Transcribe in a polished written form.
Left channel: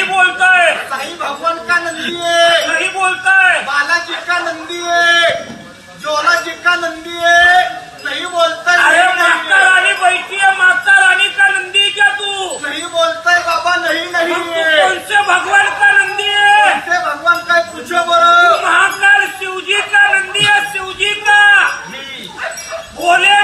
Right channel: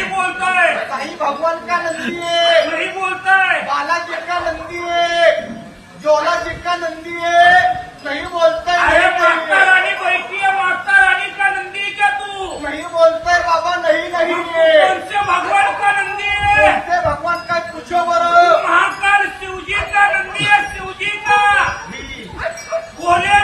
नहीं बोलता है, नहीं भगवान का नंदी है, नहीं बोलता है, बालाजी का नंदी है, ज्वाला जी का नंदी है, नहीं बोलता है, अरे नहीं माता है। रानी बैठी है, माता रानी का नंदी है क्या तू? नहीं बोलता है बाबा, नहीं नहीं हम तू है। कौन से भगवान का नंदी है? ऐसे भगवान का पूछो बरो। महाकाल शिवजी का नंदी है, शिवजी का। ही। बोले